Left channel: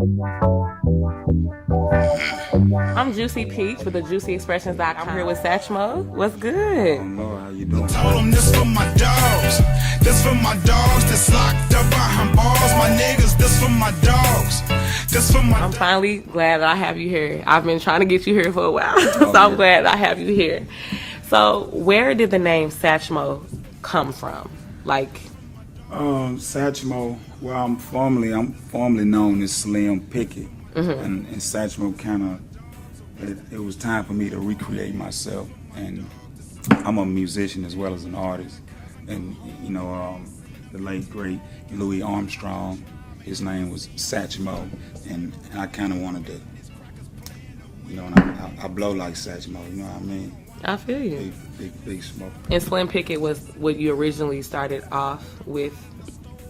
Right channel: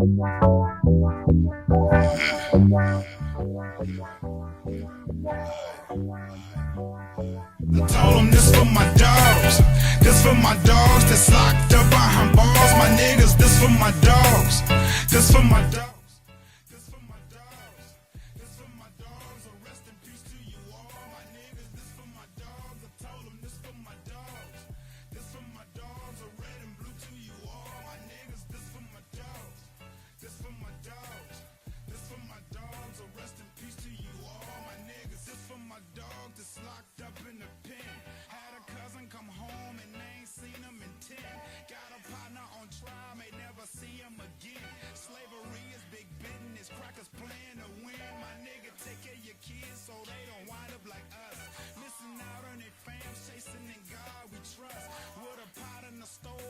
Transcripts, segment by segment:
I'm Juicy Peach with the JuicyExpressions.com. I'm here with Sachmoe. What's good? Told them this for my dogs. This for my dogs that's locked up behind bars. My niggas, this for my dogs. This for my I'm finally glad that I have you here. I've been trying to get you here for a while, so I'm glad I have you here. So, where did the name Sachmoe come from? Like, Sachmoe, well, I'm formally known as Slim Pickett, and Sachmoe it was time for me to recreate myself, and I'm a musician as well as an artist, and the late great Louis Armstrong, his name was Sachmoe, and I kind of wanted to, I blow like Sachmoe, you know what I mean? I feel you. Big smoke. And Slim Pickett was what you originally started off with,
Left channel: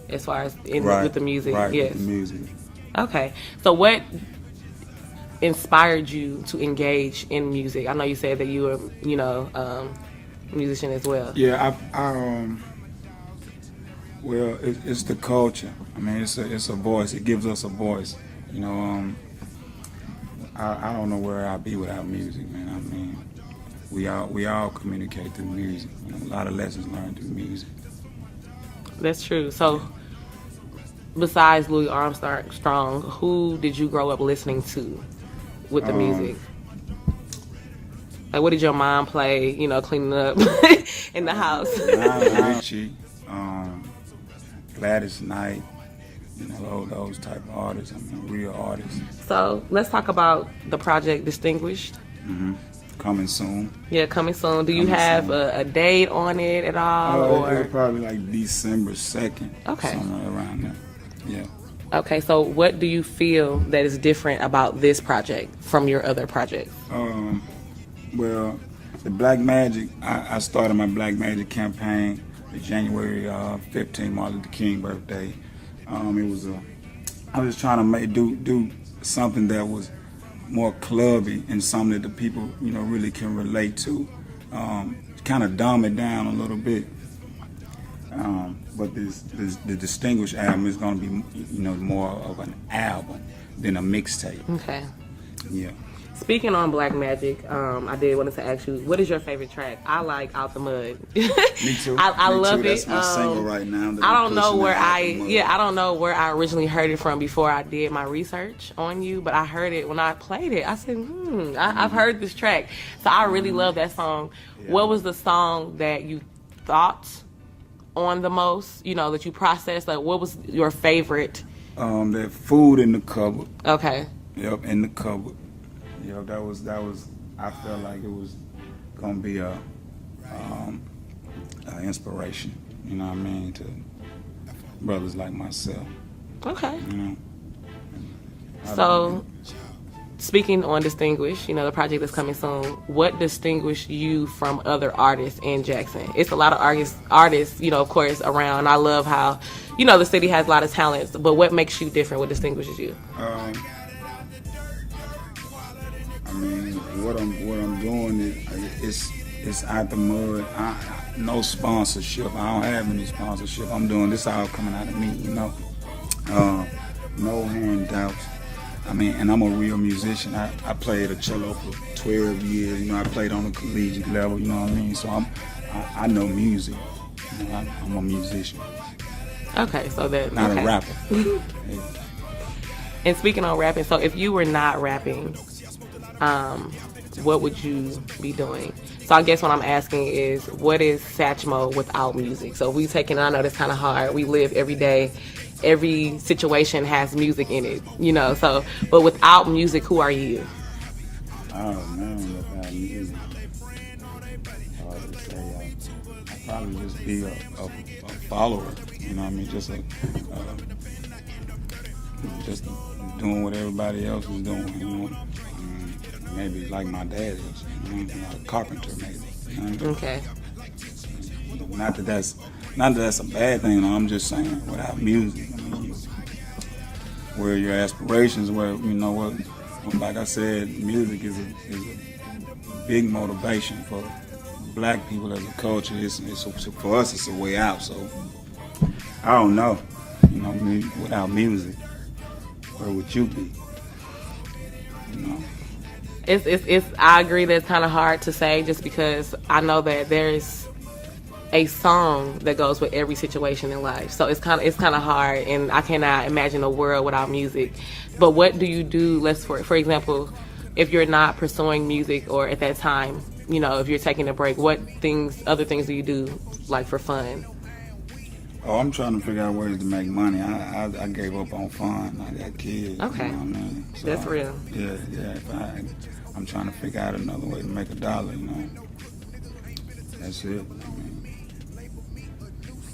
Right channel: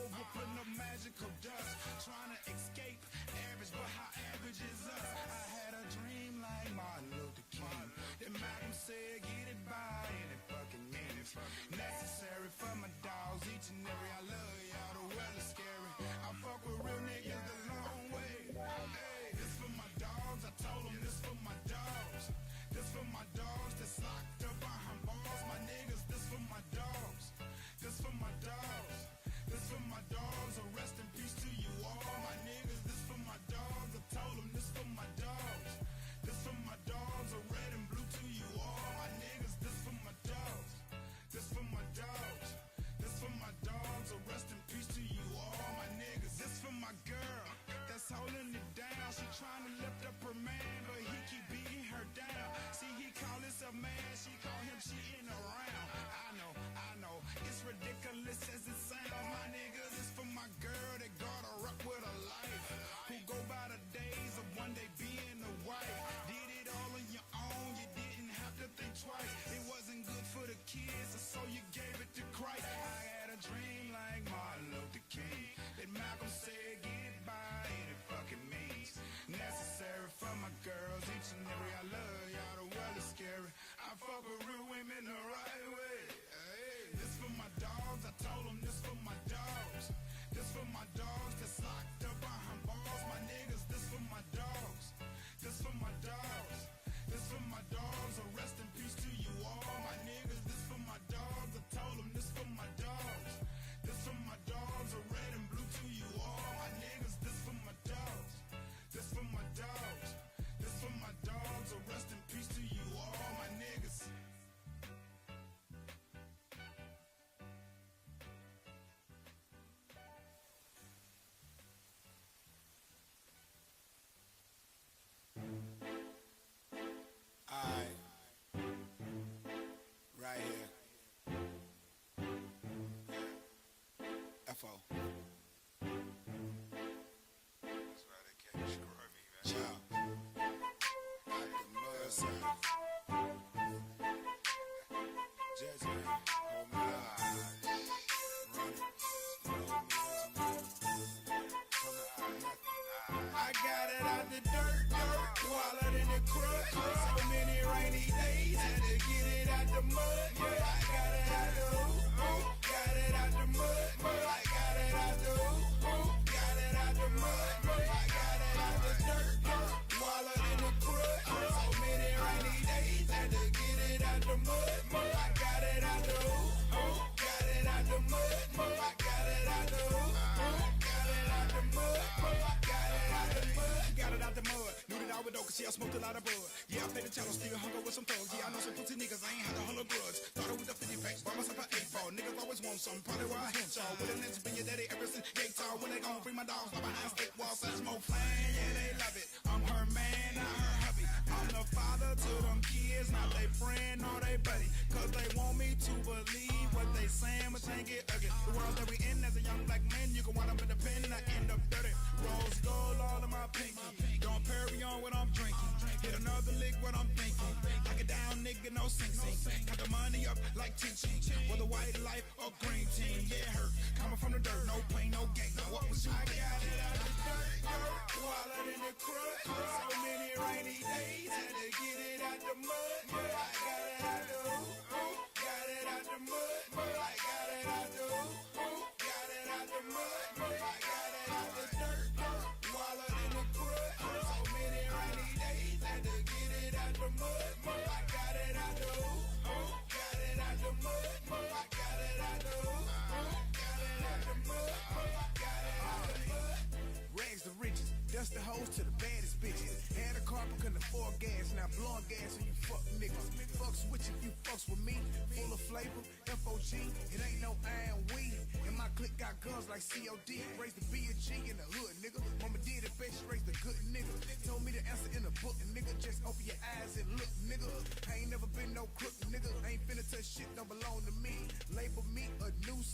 as far as with the music. Right, yes. with the music. Okay. So what inspired you to engage in music? I know you said that you were, a musician as well. Yeah, well, it's the culture. I mean, it's a voice. It gives us a voice. I don't know where I'd be without music, man. I mean, we all communicate through music. A lot of lessons learned through music. That's true. So, besides Louis Armstrong, who did you grow up listening to with the music? Like, what did your mom play? Cleaning up in the house. Richie, Gladys Knight, those type of artists. Real artists. So let's talk about the project Distinguished. Coming soon. Yeah, coming soon. Do you have a date on it at all? It's probably like December 2nd. Okay. Somewhere around there. Yeah. Okay, so what do you feel that is different about this project from your other projects? Well, the Black Magic, I started my Black Magic campaign January 15th, Martin Luther King birthday. I was trying to do something that was more clubby and something that the people, really can relate to. Kind of dumb it down a little bit. But the Distinguished album is going to be, more of an album than a mixtape. Okay. Yeah. Speaking on Black Magic, I did want to ask you, what is your favorite track? I like Out the Mud. Me too. I love That's it. my single right now. I don't know where I originally heard it from before I did my research on you, but I heard it when I played it. I said, I've heard this track. So I really love that song. Yeah. What was the song that you thought on the most, that you processed? Like, what was your favorite? That Food in the Cupboard. Okay. Yep, in the cupboard. That was. I felt like it was gonna be a inspiration. You know what I mean, to brothers like myself. Okay. So, speaking on Distinguished, the project that's coming soon. What distinguishes you from other artists in Jackson? It's a lot of artists, of course, around. I love how, the city has a lot of talents. But what makes you different? What distinguishes you? What I'm doing is out the mud. No sponsorship. I don't have any sponsorship. I'm doing this all coming out of me, no handouts. And I'm a real musician. I played a cello for 12 years. I played on the collegiate level. You know what I mean? So I know music. I'm a musician. Okay, so that not a rapper. And speaking on rapping, so if you were not rapping, what would you be doing? So I guess what I'm asking is, what is Sachmoe without music? So we I know that's kind of hard. We live every day. Every situation has music in it, So, but without music, who are you? Oh man, without music, probably just be a follower. Just doing what everybody else was doing. Maybe like my dad was, a carpenter maybe. Okay. Not that that's a bad thing. I'm just saying without music, where your aspirations, where like I said, music is a big motivation for Black people as a culture. For us, it's a way out. So I don't know, without music. Or what you think? You know? It's I agree that it's kind of hard to say just because I know that there's a song that goes with every situation in life. So it's kind of hard, and I cannot imagine a world without music. But what do you do? For example, if you're not pursuing music or at that time, you know, if you're taking a break, what other things do you do like for fun? Oh, I'm trying to figure out ways to make money. I gave up on fun. I got kids. Okay. You know what I mean? So, That's real. Yeah. I'm trying to figure out another way to make $1. You know. That's it.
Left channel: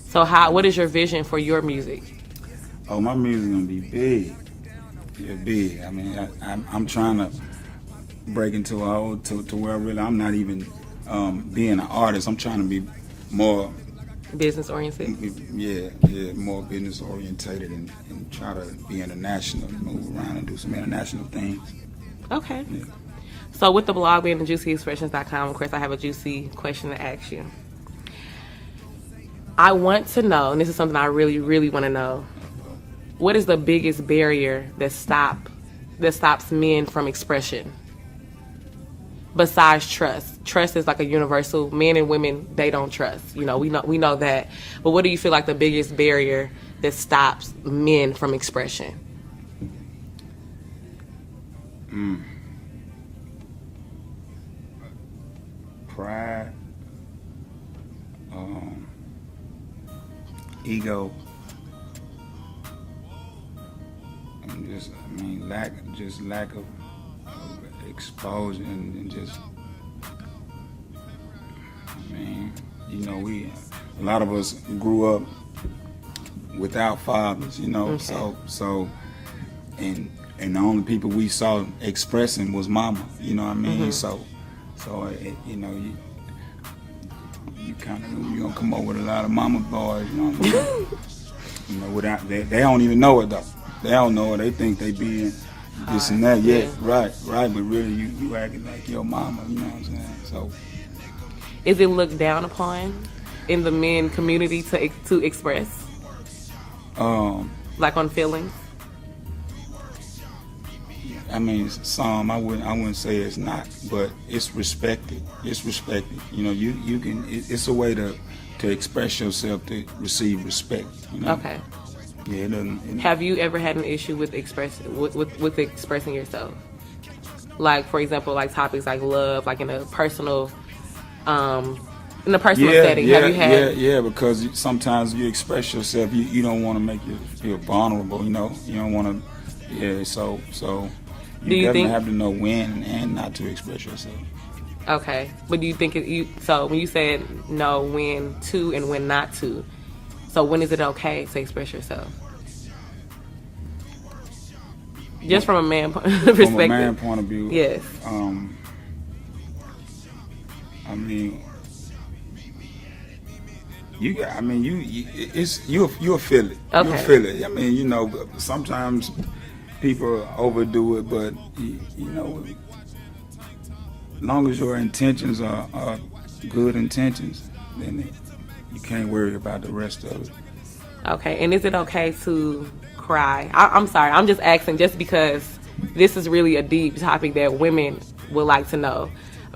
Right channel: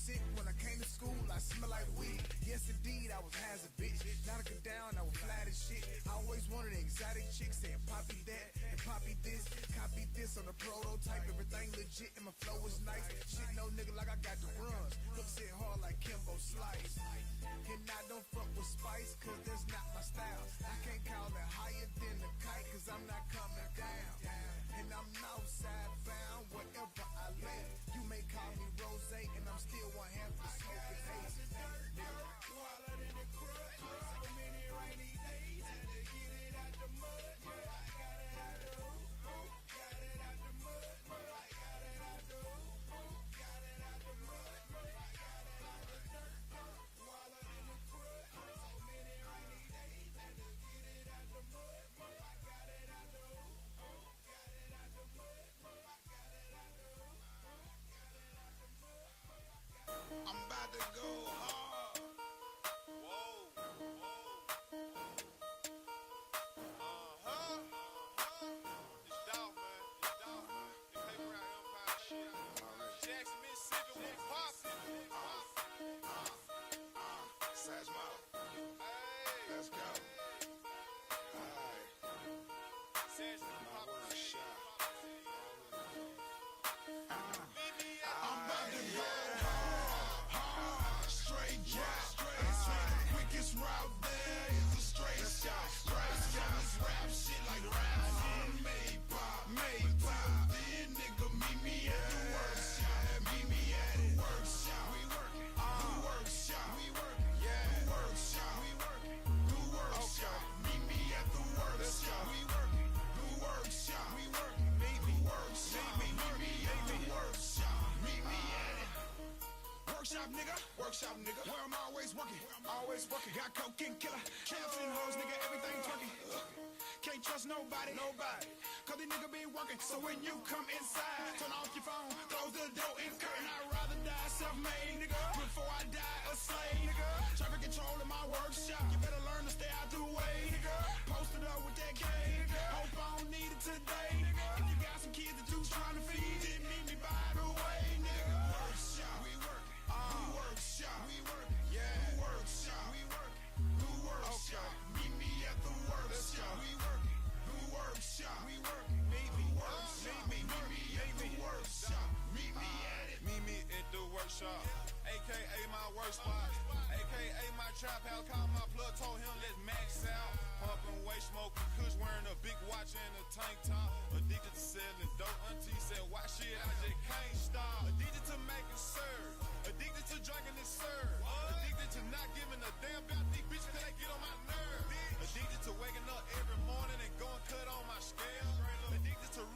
So what is your vision for your music? Oh, my music gonna be big. Yeah, big. I mean, I'm trying to break into to where really I'm not even being an artist. I'm trying to be more Business oriented? Yeah, more business orientated and try to be international, move around and do some international things. Okay. Yeah. So with the blog being the juicyexpressions.com, of course, I have a juicy question to ask you. I want to know, and this is something I really, really want to know, what is the biggest barrier that stops men from expression? Besides trust. Trust is like a universal. Men and women, they don't trust. You know, we know that. But what do you feel like the biggest barrier that stops men from expression? Pride, ego, and lack of exposure and just, you know, a lot of us grew up without fathers, you know, Okay. so and the only people we saw expressing was mama, you know what I mean? So you know, you gonna come up with a lot of mama boys, you know what I mean? You know, without they don't even know it though. They don't know it. They think they being this and that. Yeah, right. But really, you acting like your mama. You know what I'm saying? So, Is it looked down upon in the men community to express, like on feelings? I mean, some I wouldn't say it's not, but it's respected. It's respected. You know, you can. It's a way to express yourself to receive respect. You know? Okay. Yeah, it doesn't. Have you ever had an issue with expressing yourself? Like, for example, like topics like love, like in a personal setting. Have you had? Yeah, because sometimes you express yourself, you don't want to make you feel vulnerable. You know, you don't want to. Yeah, so you definitely have to know when and not to express yourself. Okay, but do you think so when you said know when to and when not to? So when is it okay to express yourself? Just from a man perspective. From a man point of view. Yes. I mean, you'll feel it. Okay. You'll feel it. I mean, you know, sometimes people overdo it, but you know, as long as your intentions are good intentions, then you can't worry about the rest of it. Okay, and is it okay to cry? I'm sorry, I'm just asking just because this is really a deep topic that women would like to know,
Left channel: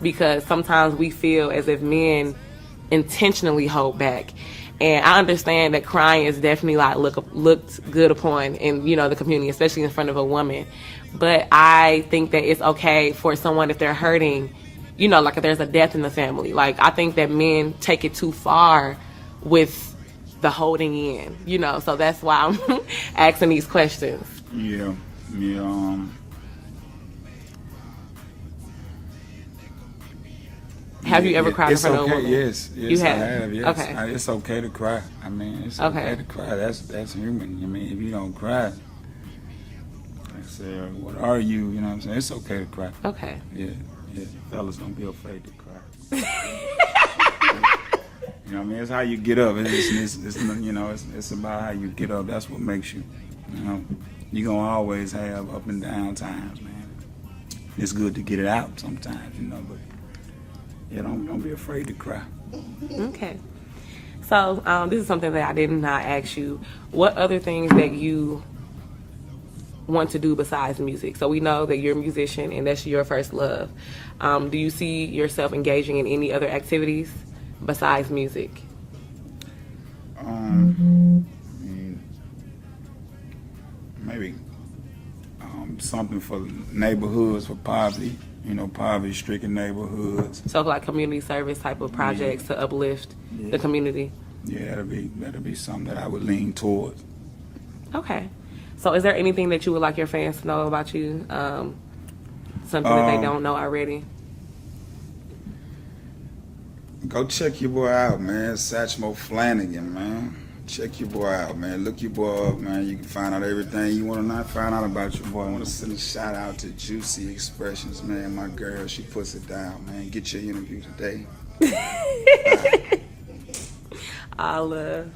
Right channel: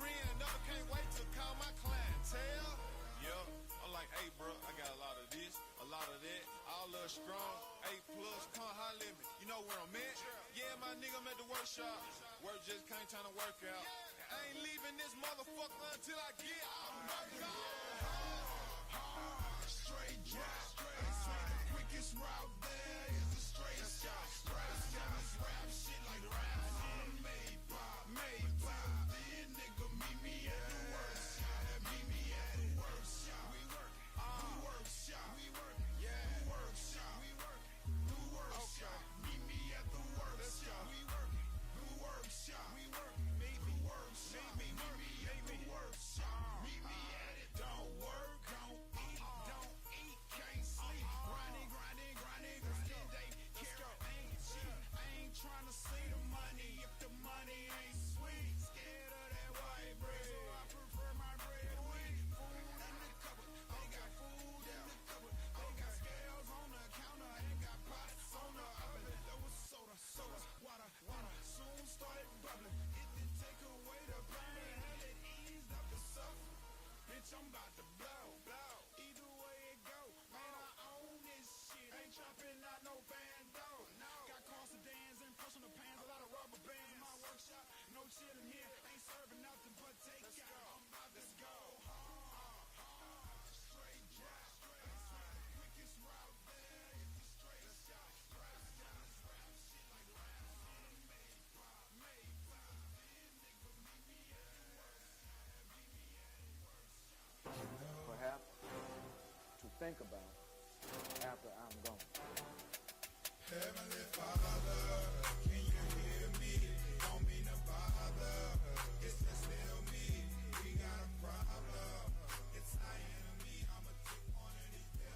because sometimes we feel as if men intentionally hold back. And I understand that crying is definitely like looked good upon in, you know, the community, especially in front of a woman. But I think that it's okay for someone, if they're hurting, you know, like if there's a death in the family. Like, I think that men take it too far with the holding in, you know. So that's why I'm asking these questions. Yeah. Have you ever cried in front of a woman? Yes, You have? I have. Yes. Okay. It's okay to cry. I mean, it's okay to cry. That's human. I mean, if you don't cry, it's, what are you? You know what I'm saying? It's okay to cry. Okay. Yeah. Fellas, don't be afraid to cry. You know what I mean? It's how you get up. It's you know, it's about how you get up. That's what makes you. You know, you're gonna always have up and down times, man. It's good to get it out sometimes, you know, but yeah, don't be afraid to cry. Okay. So this is something that I did not ask you. What other things that you want to do besides music? So we know that you're a musician and that's your first love. Do you see yourself engaging in any other activities besides music? Maybe something for neighborhoods, for poverty, poverty-stricken neighborhoods. So like community service type of projects to uplift the community? Yeah, that'll be something that I would lean towards. Okay. So is there anything that you would like your fans to know about you? Something that they don't know already? Go check your boy out, man. Sachmoe Phlanagan, man. Check your boy out, man. Look your boy up, man. You can find out everything you want to not find out about your boy. I want to send a shout out to Juicy Expressions, man. My girl, she puts it down, man. Get your interview today. I love.